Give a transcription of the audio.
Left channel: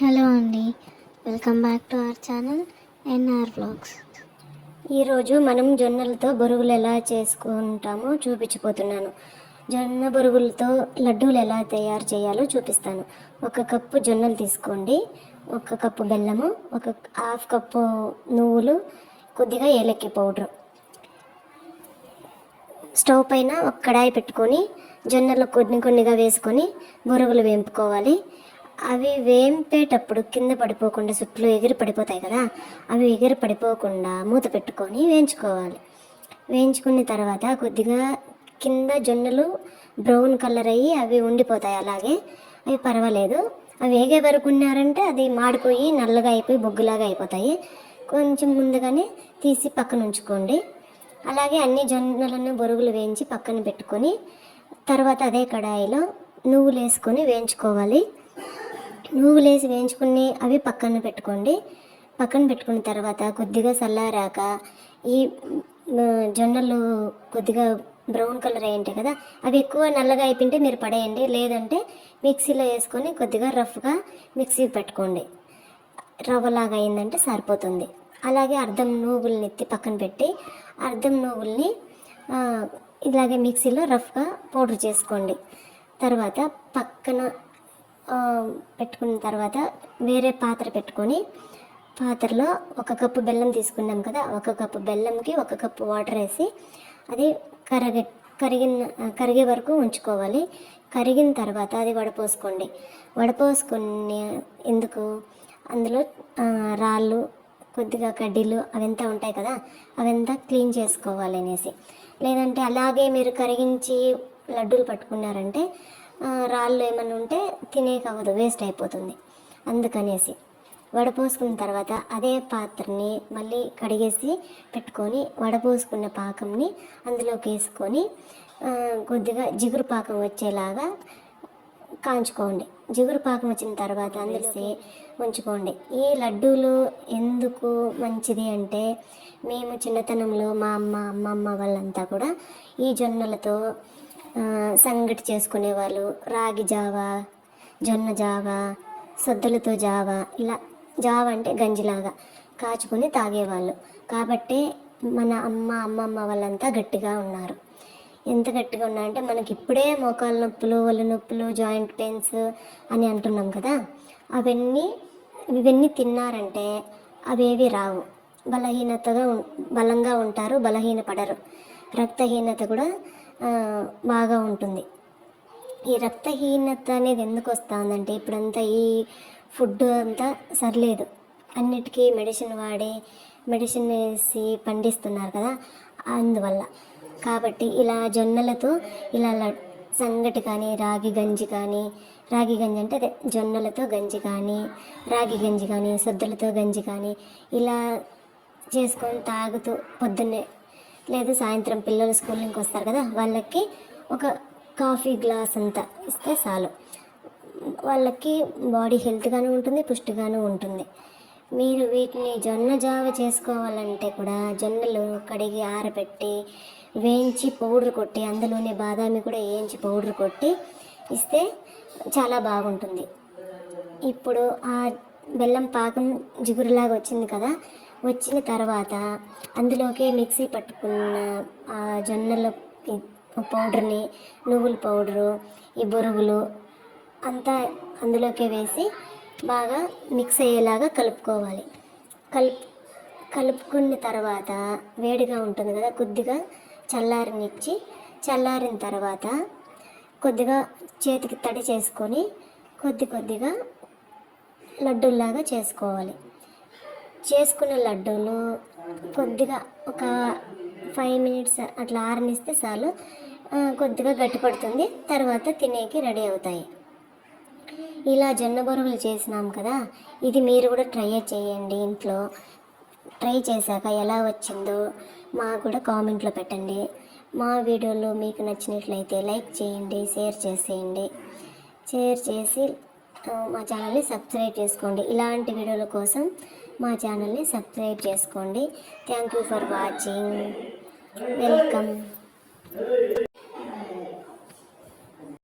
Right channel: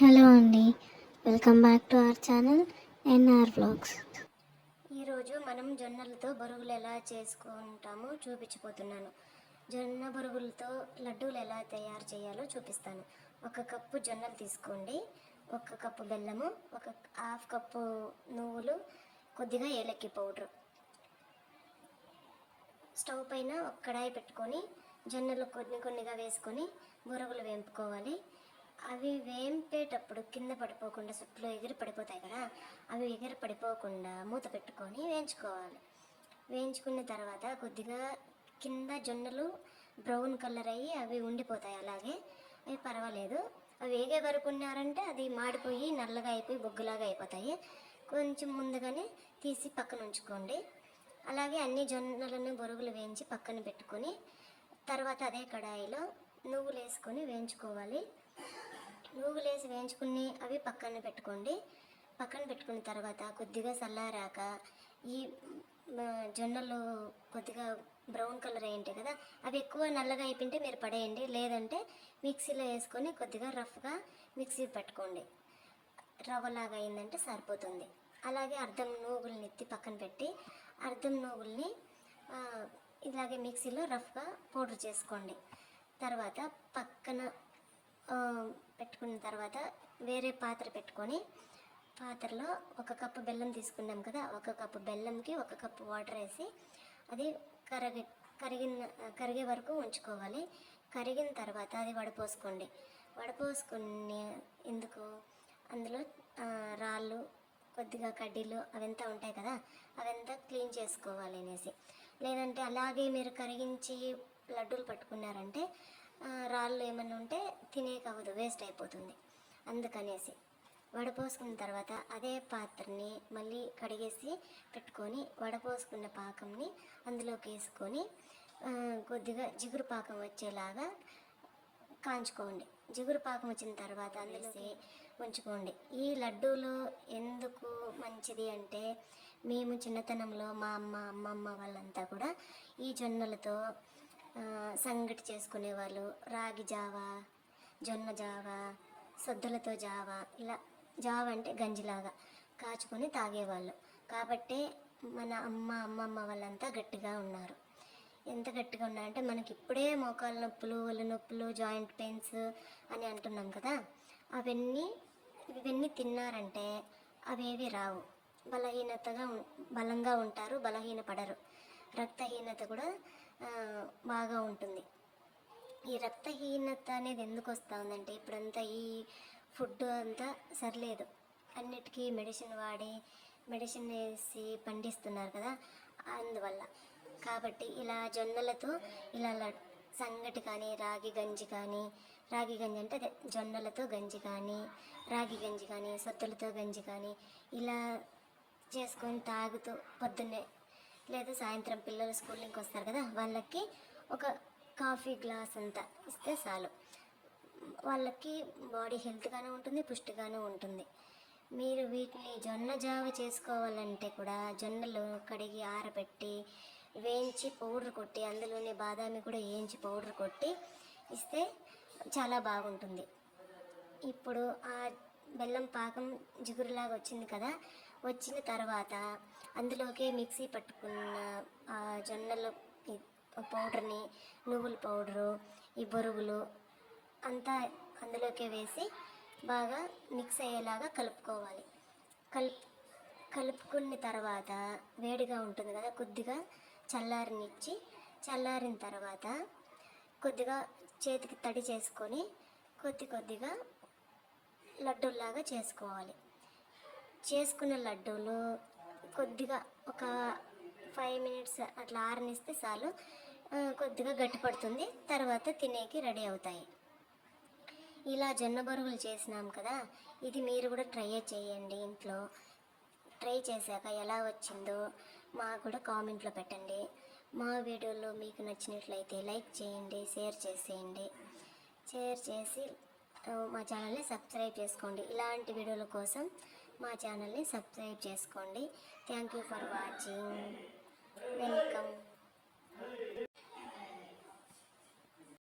Hello అండి. Welcome back to our channel NR blogs. ఈరోజు మనం జొన్నలతో బొరుగులు ఎలా చేసుకుంటామో చూపించిపోతున్నాను జొన్న బొరుగులతో లడ్డూలు ఎలా తయారు చేయాలో చూపిస్తాను. ఒక కప్పు జొన్నలు తీసుకోండి. ఒక కప్పు బెల్లము ఒక హాఫ్ కప్పు నువ్వులు కొద్దిగా ఏలక్కి పౌడర్. స్టవ్ పైన ఒక కడాయి పెట్టుకొని జొన్నలు కొన్ని కొన్నిగా వేసుకొని బొరుగులు వేంపుకోవాలి. అవి వేంపేటప్పుడు కింద పడిపోకుండా సుట్లు ఎగిరి పడిపోతాయి కదా అవి ఎగిరి పడిపోకుండా మూత పెట్టుకొని వేయించుకోవాలి. వేయించుకున్న తర్వాత కొద్దిగా కింద జొన్నలు బ్రౌన్ కలర్ అయ్యి అవి ఉండిపోతాయి అలాగే. అవి పర్వాలేదు. అవి వేగే వరకు ఉన్నారంటే అది మాడిపోయి నల్లగా అయిపోయి బొగ్గులాగా అయిపోతాయి. కొంచెం ముందుగానే తీసి పక్కన ఉంచుకోండి. అలాగే అన్ని జొన్నలను బొరుగులు వేయించి పక్కన పెట్టుకొని తర్వాత అదే కడాయిలో నువ్వులు వేసుకొని వేయించుకోవాలి. నువ్వులు వేసి వేయించుకుని అవి పక్కన పెట్టుకోండి. పక్కన పెట్టుకున్న తర్వాత కొద్దిగా చల్లారాక ఈ జొన్నలు కొద్దిగా బ్రౌన్ కలర్ అయి ఉంటాయి కదా అవి ఎక్కువ నల్లగా అయిపోయింటే మీరు పడేయండి. లేదంటే మిక్సీలో వేసుకొని కొద్దిగా రఫ్గా మిక్సీ పెట్టుకోండి. రవ్వలాగా అయిందంటే సరిపోతుంది. అలాగే అర్ధం నువ్వుల్ని ఎత్తి పక్కన పెట్టి అర్ధం నువ్వుల్ని ఇలాగే మిక్సీలో రఫ్గా పౌడర్ చేసుకోండి. తర్వాత పక్కన పెట్టుకున్న తర్వాత వేరే పాత్ర పెట్టుకొని పాత్రలో ఒక కప్పు బెల్లం తీసుకున్నాం కదా ఒక కప్పు బెల్లంకి ఒక కప్పు వాటర్ వేసి అది కరగ కరిగిన కరిగే వరకు ఉంచుకోవాలి. కరిగిన తర్వాత అది వడపోసుకోండి. వడపోసుకుని ఎందుకు? అందులో రాళ్ళు కొద్దిగా కడ్డీలు అవంతా ఉంటాయి కదా అవంతా క్లీన్ చేసుకోవాలి అనేసి. లేదంటే అలాగే మీరు కరిగించి లడ్డూలు పట్టుకున్నారంటే రాళ్ళు ఏమైనా ఉంటే తినేకవ్వదు వేస్ట్ అయిపోతుంది. అందుకనేసి వడపోసుకున్న తర్వాత అదే పాత్రని మళ్ళీ కడిగేసి పెట్టుకొని వడపోసుకున్న పాకంని అందులోకి వేసుకొని కొద్దిగా జిగురు పాకం వచ్చేలాగా కాంచుకోండి. జిగురు పాకం వచ్చిన తర్వాత అందరిసి ఉంచుకోండి ఈ లడ్డూలు ఎందుకు మంచిది అంటే మేము చిన్నతనంలో మా అమ్మ అమ్మమ్మ వాళ్ళంతా కూడా ఈ జొన్నలతో సంగటి చేసుకునేవాళ్ళు. రాగి జావా జొన్న జావా సొద్దలతో జావా ఇలా జావా అంటే గంజిలాగా కాచుకొని తాగేవాళ్ళు. కాబట్టి మన అమ్మ అమ్మమ్మ వాళ్ళంతా గట్టిగా ఉన్నారు. ఎంత గట్టిగా ఉన్నారంటే మనకి ఇప్పుడే మోకాళ్ళ నొప్పులు ఒళ్ళు నొప్పులు జాయింట్ పెయిన్స్ అని అంటున్నాం కదా అవన్నీ ఇవన్నీ తిన్నారంటే అవేవి రావు. బలహీనతగా ఉం- బలంగా ఉంటారు బలహీన పడరు రక్తహీనత కూడా బాగా ఉంటుంది. ఈ రక్తహీనత అనేది ఎందుకు వస్తుందంటే ఇప్పుడంతా ఈ ఫుడ్ అంతా సరిలేదు. అన్నిటికీ మెడిసిన్ వాడి మెడిసిన్ వేసి పండిస్తున్నారు కదా అందువల్ల. కాబట్టి ఇలా జొన్నలతో ఇలా సంగటి కానీ రాగి గంజి కానీ రాగి గంజి అంటే అదే జొన్నలతో గంజి కానీ రాగి గంజి కానీ సొద్దులతో గంజి కానీ ఇలా చేసుకొని తాగుతూ పొద్దున్నే లేదు సాయంత్రం పిల్లలు స్కూల్ నుంచి వస్తారు కదా వాళ్ళకి ఒక కాఫీ గ్లాస్ అంతా ఇస్తే చాలు. వాళ్ళకి బాడీ హెల్త్గాను ఉంటుంది పుష్టిగాను ఉంటుంది. మీరు వీటిని జొన్న జావ చేసుకోవాలంటే కూడా జొన్నలు కడిగి ఆరబెట్టి వేయించి పౌడర్ కొట్టి అందులోనే బాదామి కూడా వేయించి పౌడర్ కొట్టి ఇస్తే చాలా బాగుంటుంది. ఇప్పుడు ఆ బెల్లం పాకం జిగురులాగా వచ్చింది కదా వచ్చిన తర్వాత అందులోకి మిక్సీ పట్టుకున్న ఆ జొన్నల పౌడర్ని నువ్వుల పౌడరు ఈ బొరుగులు అంతా అందులోకి వేసి బాగా మిక్స్ అయ్యేలాగా కలుపుకోవాలి. కలుపు కలుపుకున్న తర్వాత వేడిగా ఉంటుంది కదా కొద్దిగా చల్లారనిచ్చి చల్లారిన తర్వాత కొద్దిగా చేతికి తడి చేసుకొని కొద్ది కొద్దిగా లడ్డూల్లాగా చేసుకోవాలి. చేసుకున్న లడ్డూలు కొద్దిగా ఒక ఫైవ్ మినిట్స్ అట్లా ఆరనిస్తే చాలు. కొద్దిగా గట్టిపడుతుంది తర్వాత తినేకి రెడీ అవుతాయి. ఇలా జొన్న బొరుగులు చేసినాం కదా ఇది మీరు కూడా ట్రై చేయండి ఇంట్లో. ట్రై చేశాక ఎలా వచ్చిందో మాకు కూడా కామెంట్లో పెట్టండి. మా వీడియోలో మీకు నచ్చినట్లయితే లైక్ చేయండి షేర్ చేసేయండి. షేర్ చేసి మా ఛానల్ని సబ్స్క్రైబ్ చేసుకోండి. ఇలాంటి వీడియోల కోసం మా ఛానల్ని సబ్స్క్రైబ్ చేసుకోండి. Thank you for watching welcome